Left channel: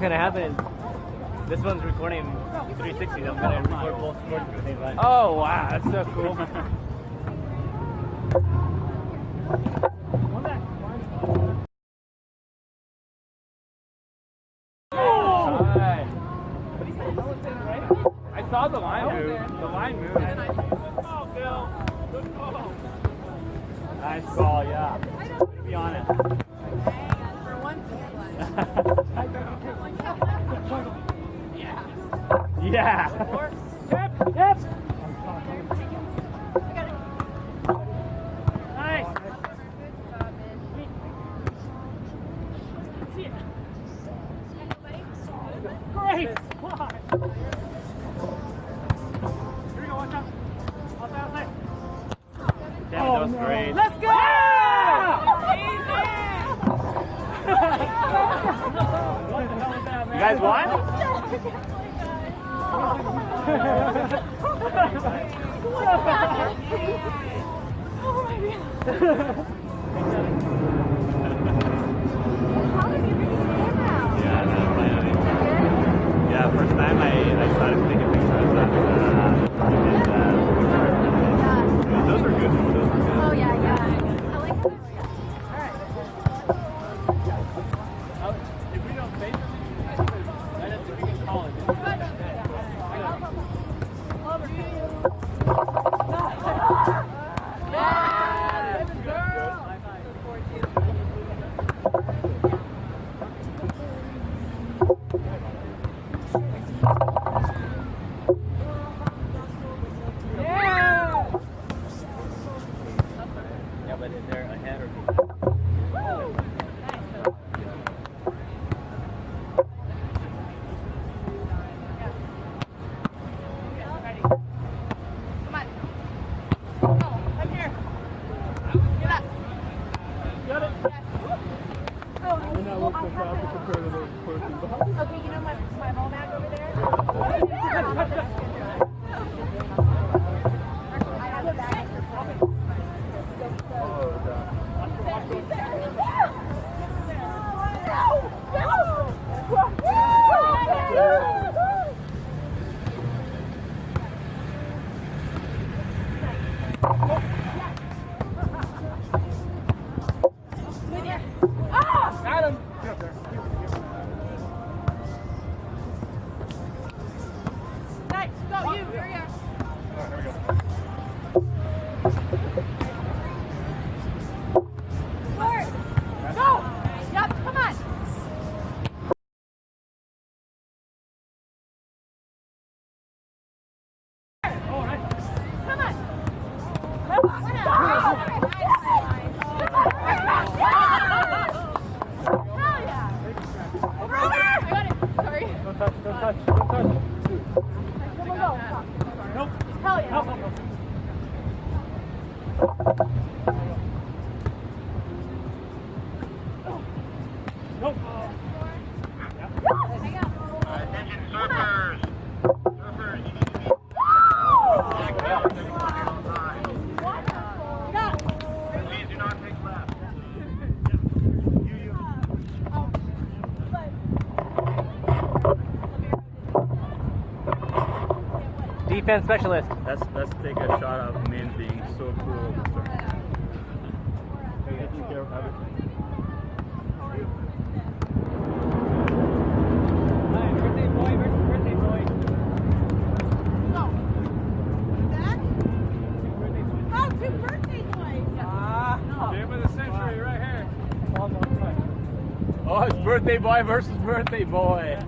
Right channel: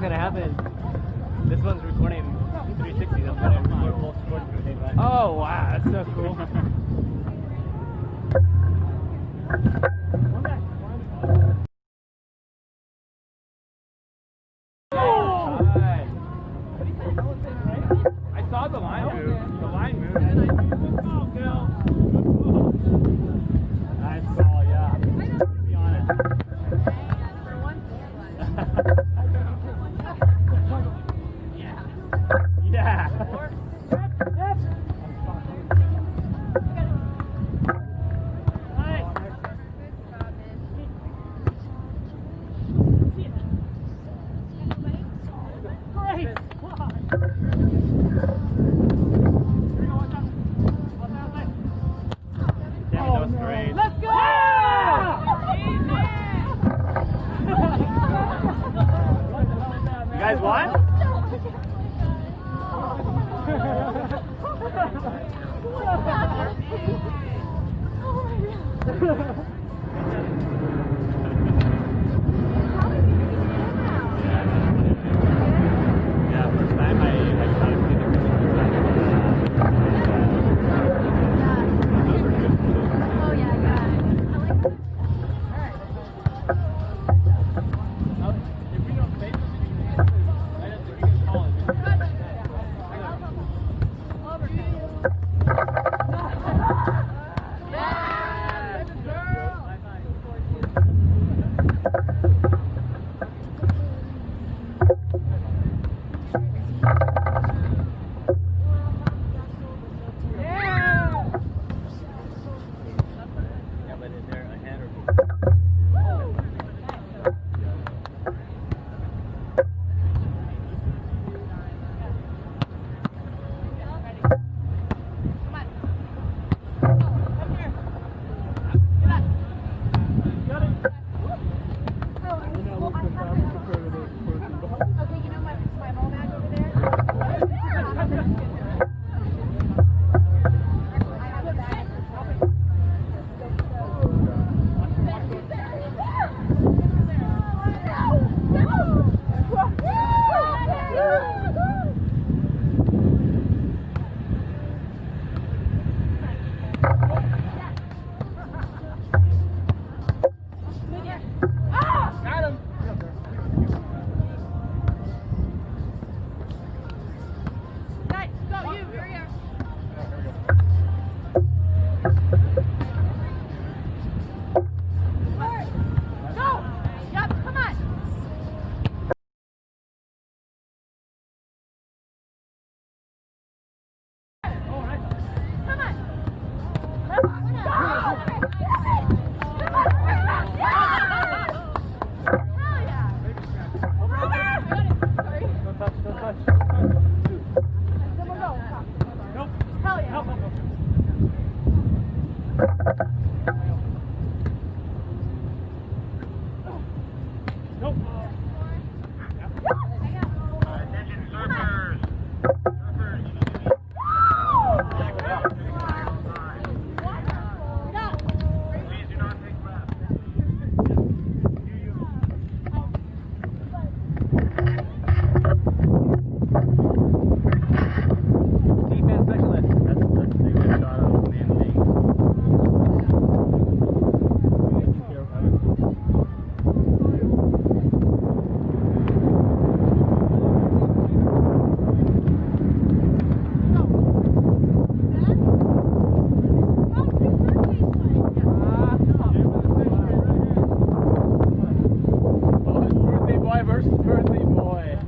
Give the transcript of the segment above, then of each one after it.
gonna happen. This one's recording 360. I'm gonna record both sports at the same time. Oh wow, that's so cool. One back. I saw the line move. The line moved. Good ball, Bill. Good ball. Nice ball, yeah. Be honest. For once. Yeah. Yep. Yep. Nice. Great. That was great. Let's go! You guys won? Yeah, first time I started playing. Those were good. Oh yeah, yeah. If we don't say something, we can call it. Yeah, but is there a head or Okay, you know my ball bag over there? I have a bag. Got him! Nice, go you, here we are. Go! Yup, come on! Come on! Hell yeah! Sorry. Don't touch. Come on, go. Nope. Hell yeah. Nope. Nope. Attention surfers. Please do not take left. Defense specialist. Let's take a shot of Minh being so cool. Oh, it's birthday boy versus birthday boy.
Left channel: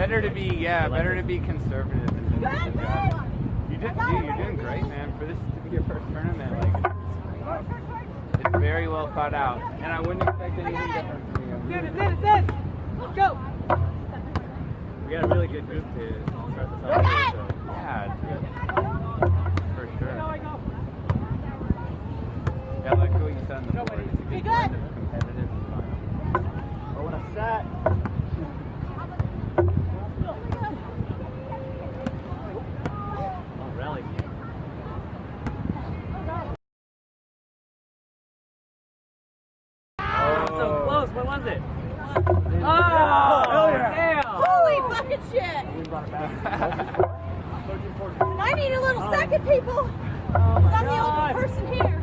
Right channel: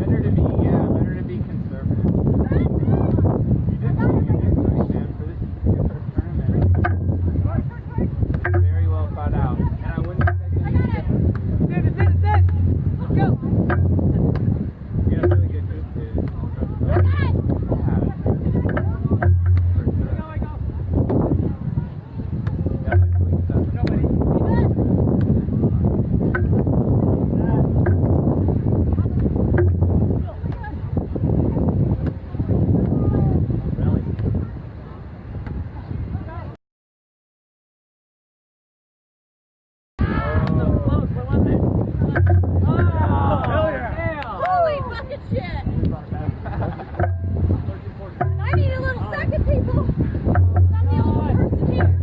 Better to be conservative. You're doing great, man. For this your first tournament, it's very well thought out, and I wouldn't expect anything different. It's in. Let's go. You got a really good group too. Yeah. For sure. Yeah, like what you said. Nobody. Be good. What's that? I need a little second, people. I'm the only person here.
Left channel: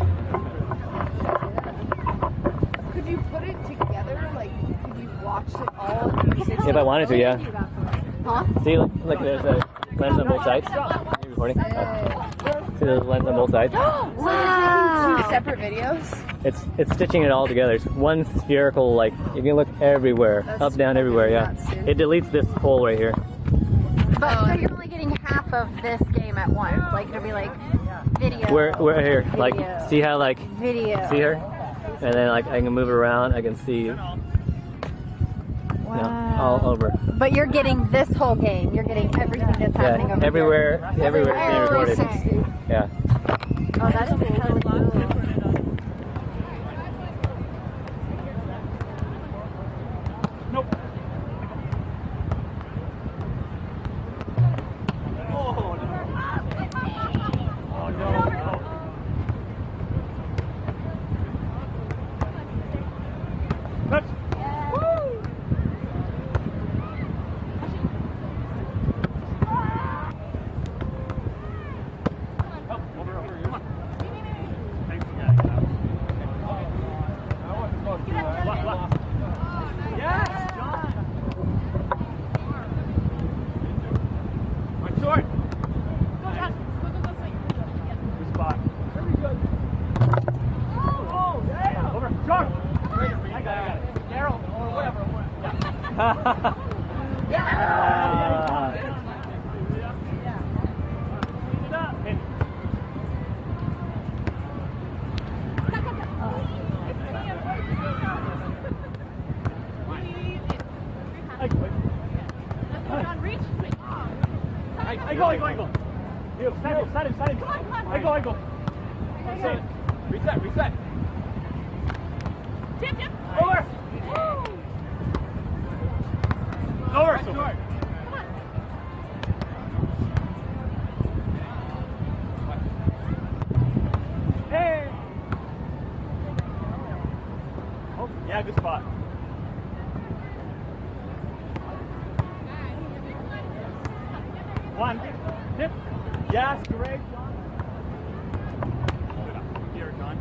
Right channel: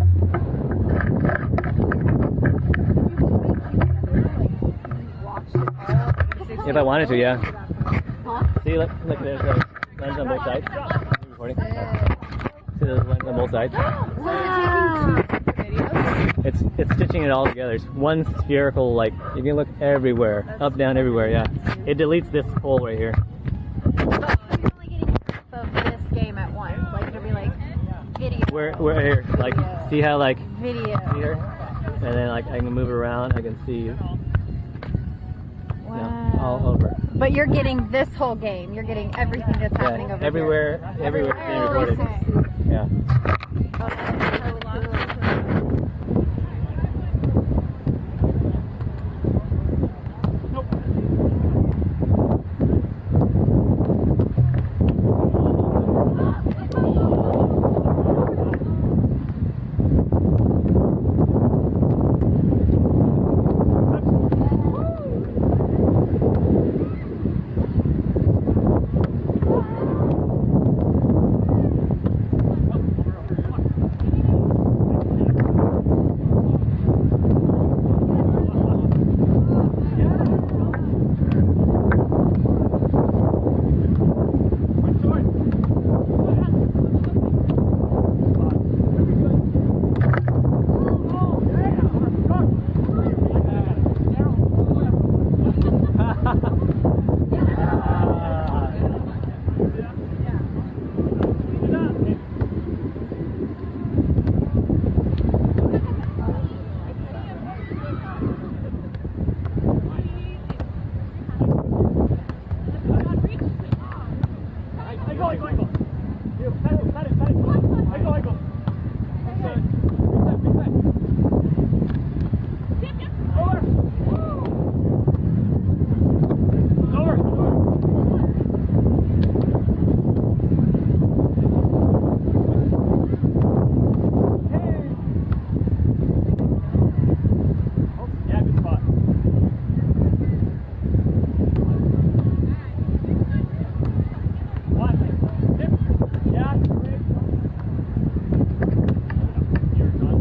Did you put it together? Like, did you watch it all? If I wanted to, yeah. Huh? See, look, there's a lens on both sides. Are you recording? See the lens on both sides? Wow. So you're taking 2 separate videos? It's stitching it all together. It's one spherical, like, you can look everywhere. Up, down, everywhere, yeah. It deletes this hole right here. But so you're only getting half of this game at once. Like it'll be like video. We're here. Like, see how, like, Video. see her? And then, like, I can move it around. I can see, Wow. all over. But you're getting this whole game. You're getting everything that's happening over everywhere it's being recorded. 360. Yeah. Oh, that's really cool. Reset. Over. Hey. Oh, yeah, good spot. One. Dip. Yes, great. Here, John.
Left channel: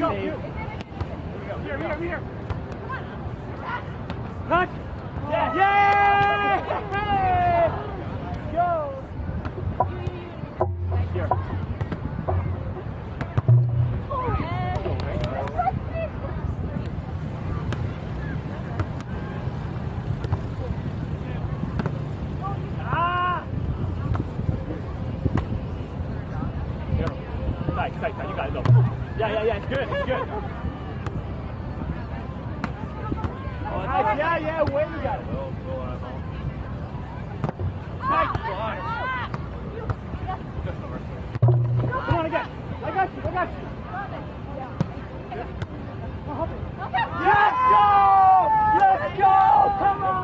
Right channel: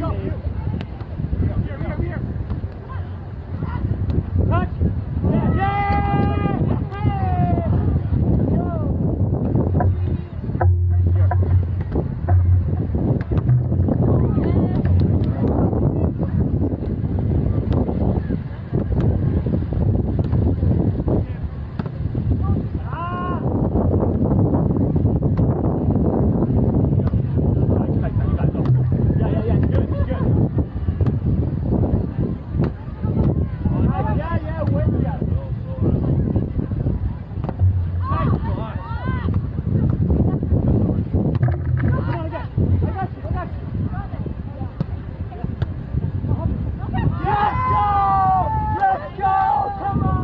go. Here. Touch. Yeah. Go. Here. Tight. You got it. Go. Yeah. It's good. Oh, nice. Yeah. Wait, you got it. Nice. Come on again. I got you. Let's go. Come on.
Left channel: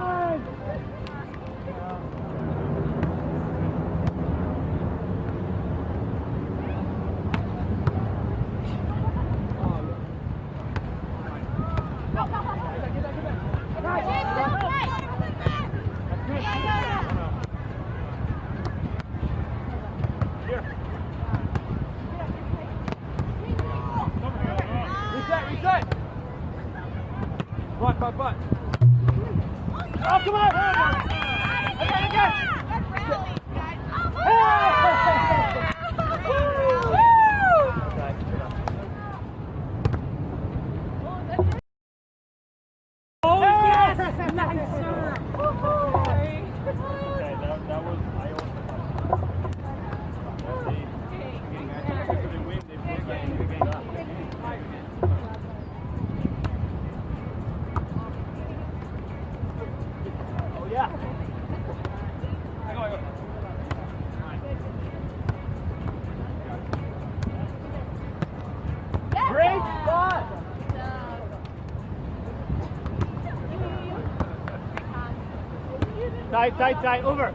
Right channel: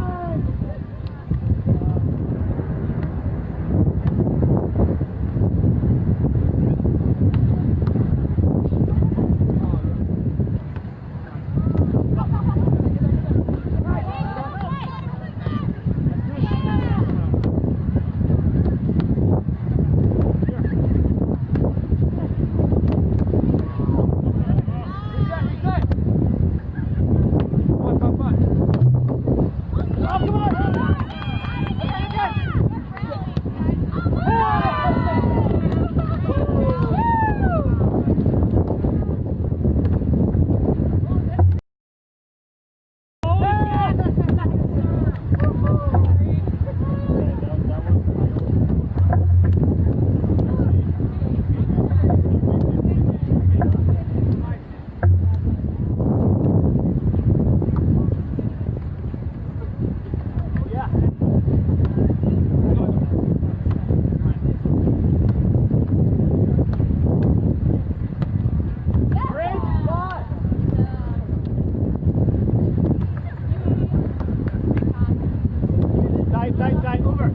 Tight, over.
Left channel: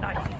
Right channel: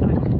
Nice.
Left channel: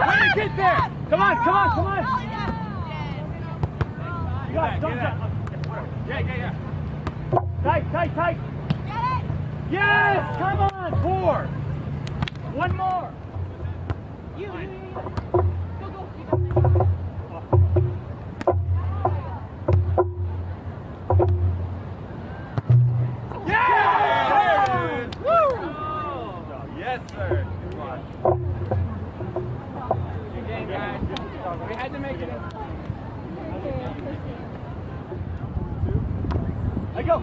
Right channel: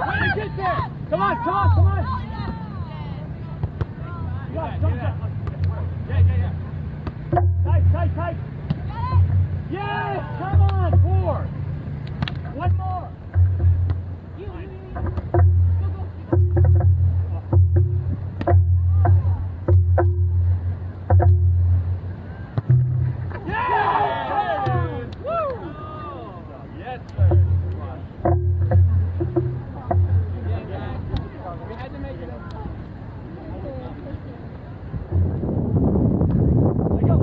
Way to get there! Come on, come on, come on! You got it, get it. Yeah. Tight. Get it! Yes! Come on, 4. One more. Yes, sir. Come on. Good game, guys. We had to make it. Let go.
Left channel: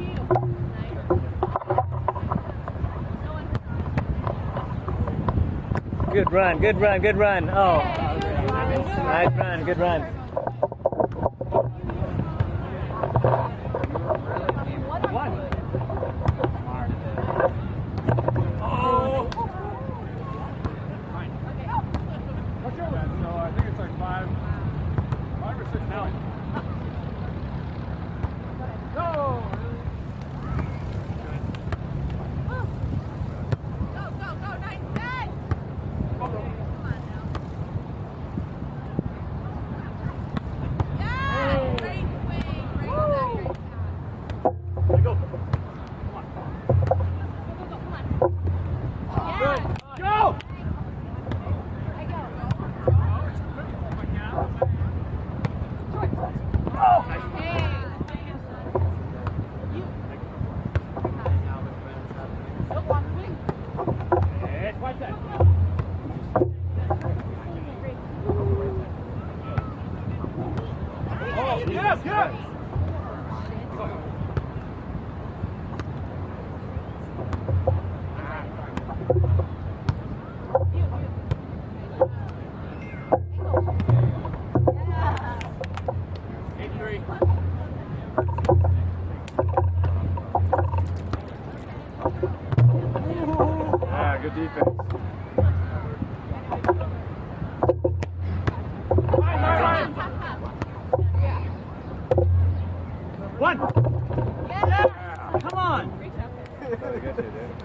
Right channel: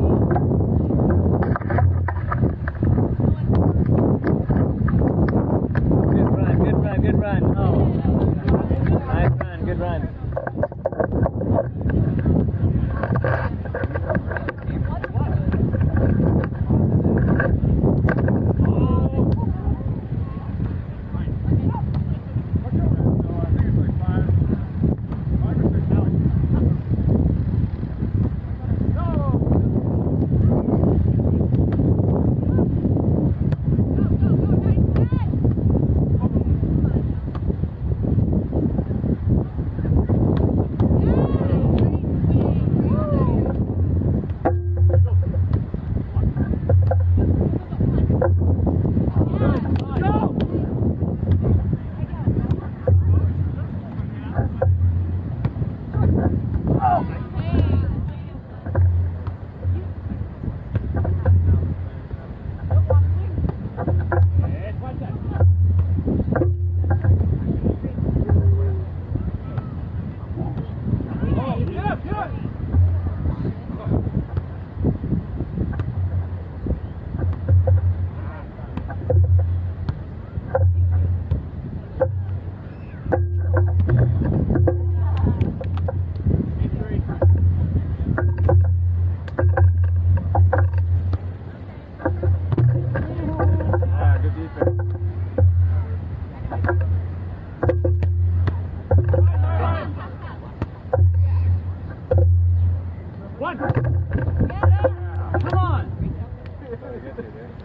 Good run. Oh. Nice run, good run. Good defense. One. Yeah. Come on.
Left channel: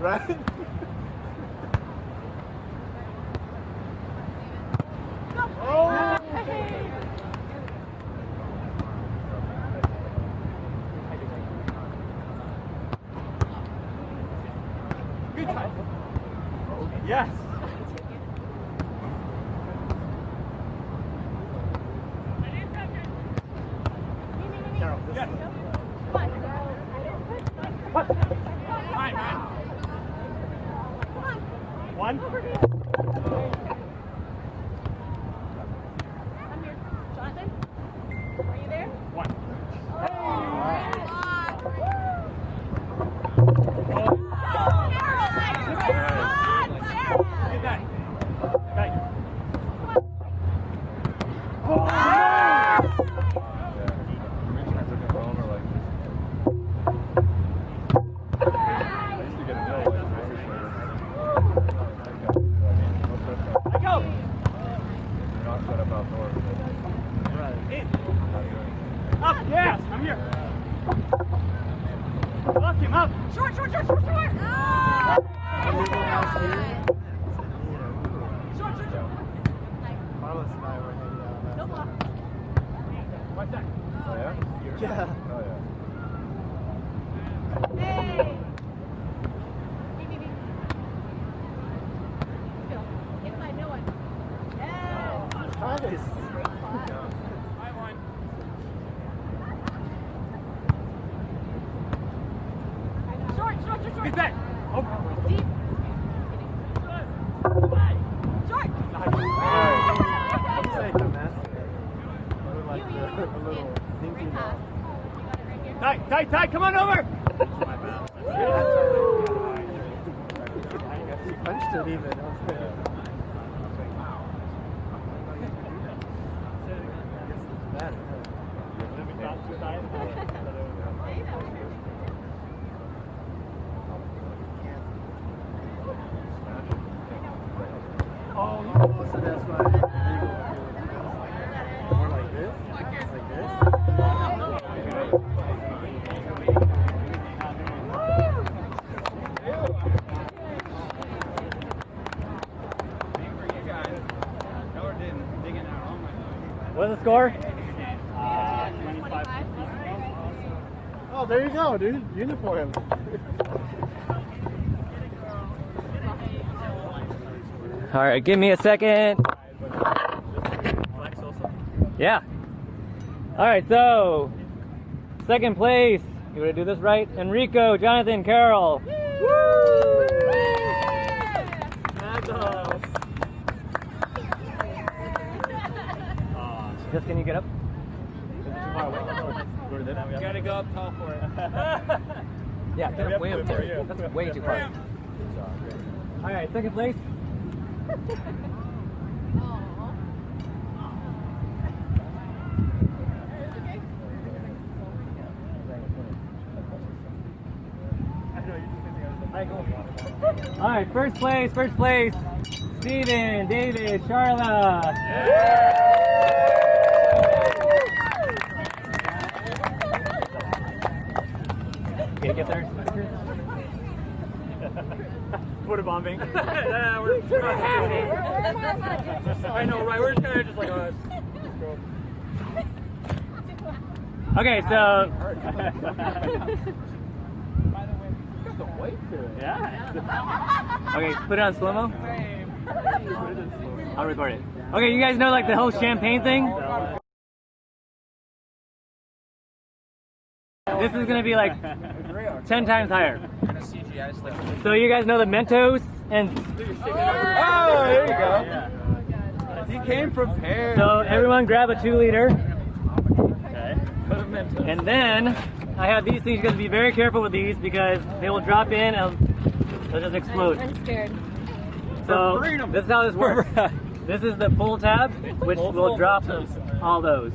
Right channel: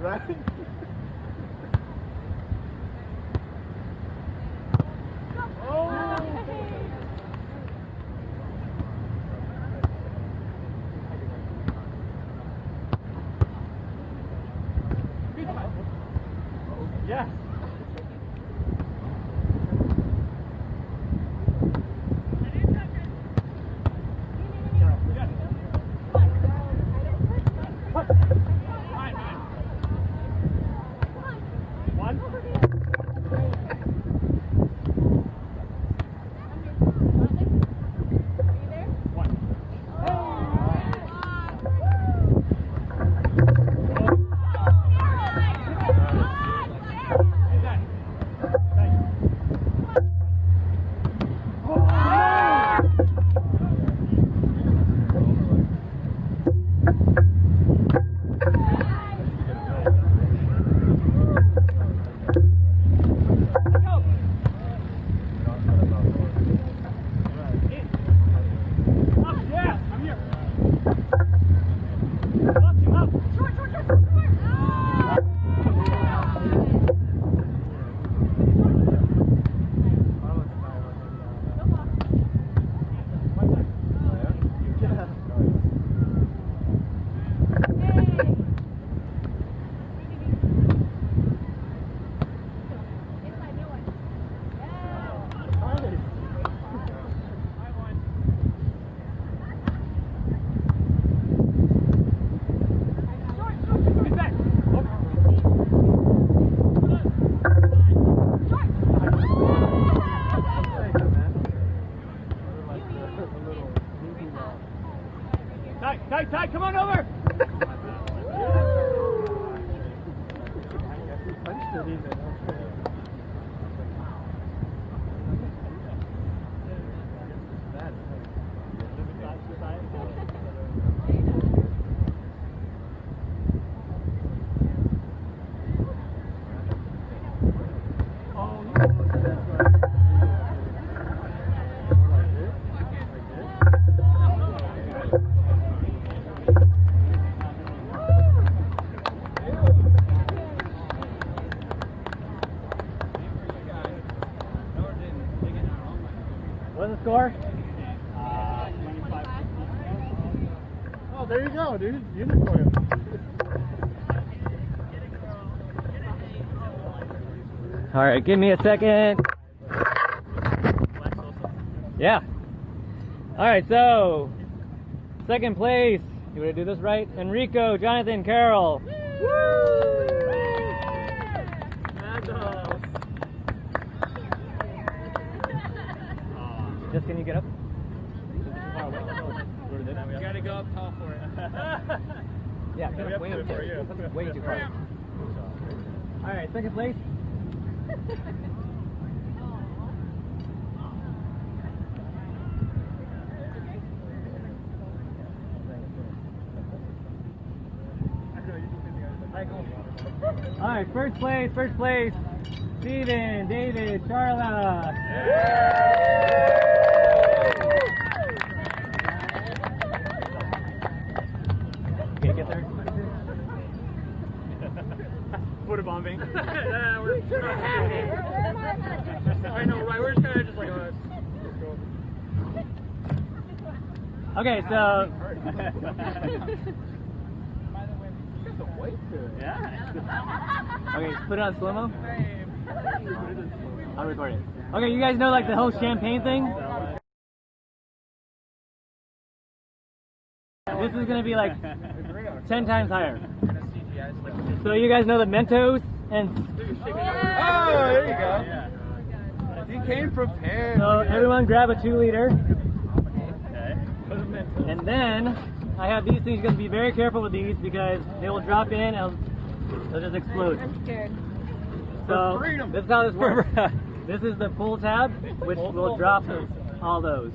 Right? Yes. One. Tight, come on over! What's the score? 25. Oh, there you go, dude. Uniform. All right, give me a second. Yeah. All right, so second place. You want to do this right? Enrico, Jonathan, Carol. Just can you get up? You gotta go up tall for it. Yeah, get up way up there. That's way too far. All right, second place. All right, first place. Steven, David, Sharla. Okay, get there. Photobombing. I know, right? We're just kind of just like, Okay, so Yeah. okay, put it on slow-mo. I'll record it. Okay, you guys know like the whole champagne thing? This is gonna be like 10 times higher. So you guys know the Mentos and Oh, there you go. He came prepared. so everyone grab a 2-liter. Okay. Put him in. And then I have these things. You guys be very careful with these because they will drop in and they'll just explode. I'm scared. So freedom. this is how this works. This is the pull tab, which will drop all those.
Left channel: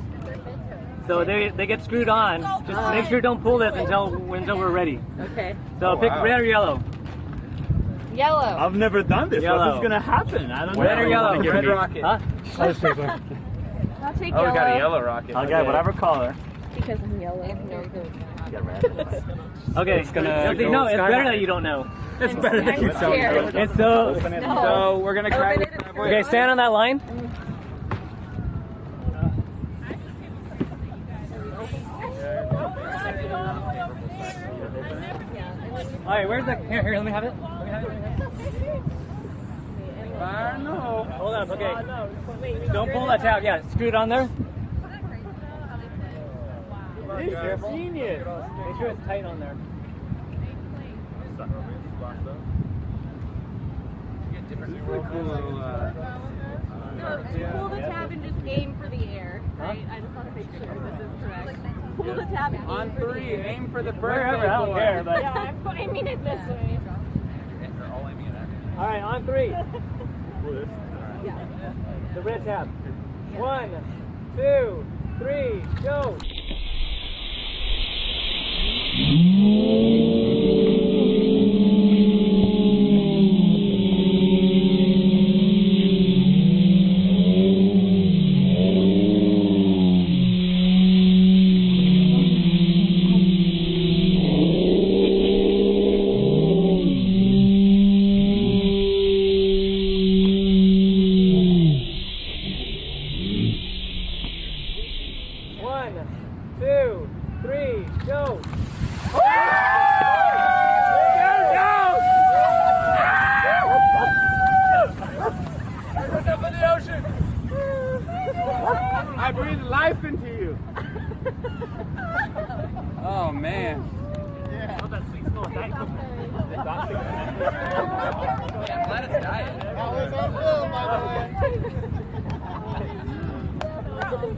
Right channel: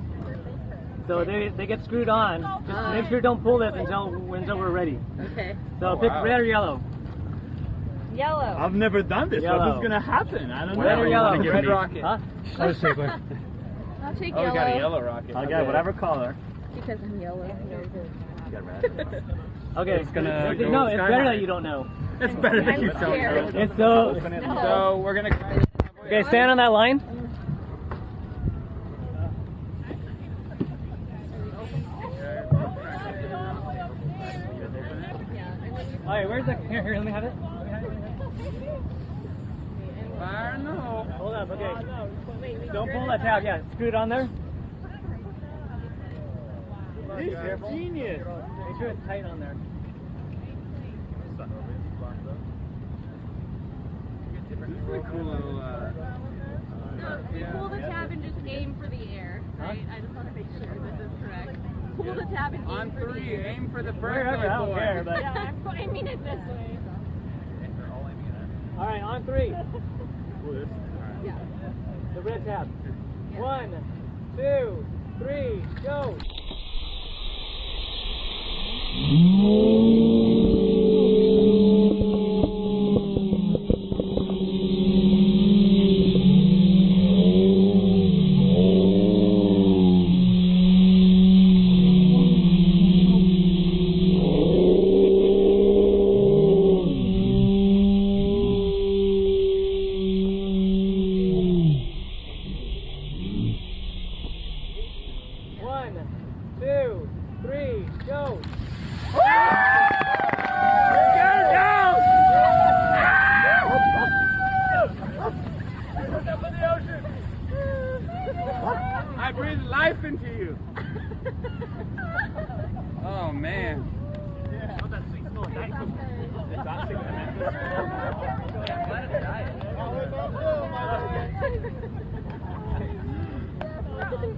So they get screwed on. Just make sure don't pull this until we're ready. Okay. So pick red or yellow. Yellow. I've never done this. Yellow. What's gonna happen? I don't know. Red or yellow? Red rocket. Huh? I'll take Oh, yellow. we got a yellow rocket. I'll get whatever color. Because I'm yellow. Okay. It's gonna no, go it's sky better high. that you don't know. It's better than you don't know. And so, So we're gonna try this. okay, stand on that line. All right, where's the? Here, let me have it. I don't know. Hold on, okay. Don't pull that tab. Yeah, screw it on there. This is genius. Make sure it's tight on there. This is a cool little. Pull the tab and just aim for the air, right? I just want to make sure this is correct. Pull the tab and aim On for the 3, air. aim for the Wherever, birthday I don't boy. care. But Yeah, I mean it this way. all right, on 3. Yeah. The red tab. 1, 2, 3, go. I breathe life into you. Oh man.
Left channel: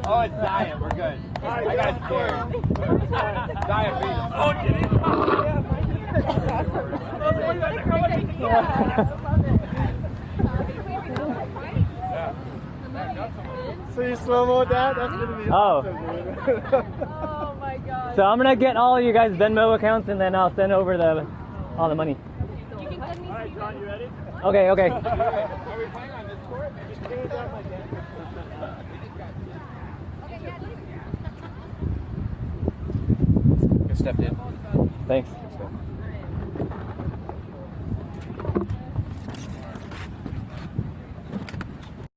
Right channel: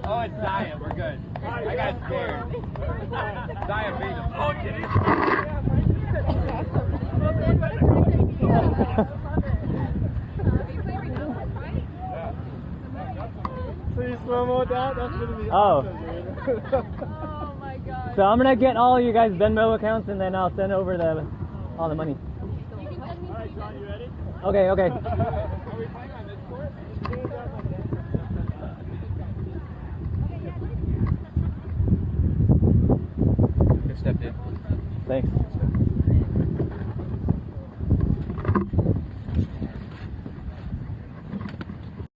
Oh, it's diet. We're good. I got scared. Diabetes. Oh, did it? So you slow-mo that? That's gonna be Oh. awesome, dude. Oh my god. So I'm gonna get all you guys' Venmo accounts and then I'll send over all the money. You can send me Steve. John, you ready? Okay. Are we playing on this court? Good stepped in. Thanks.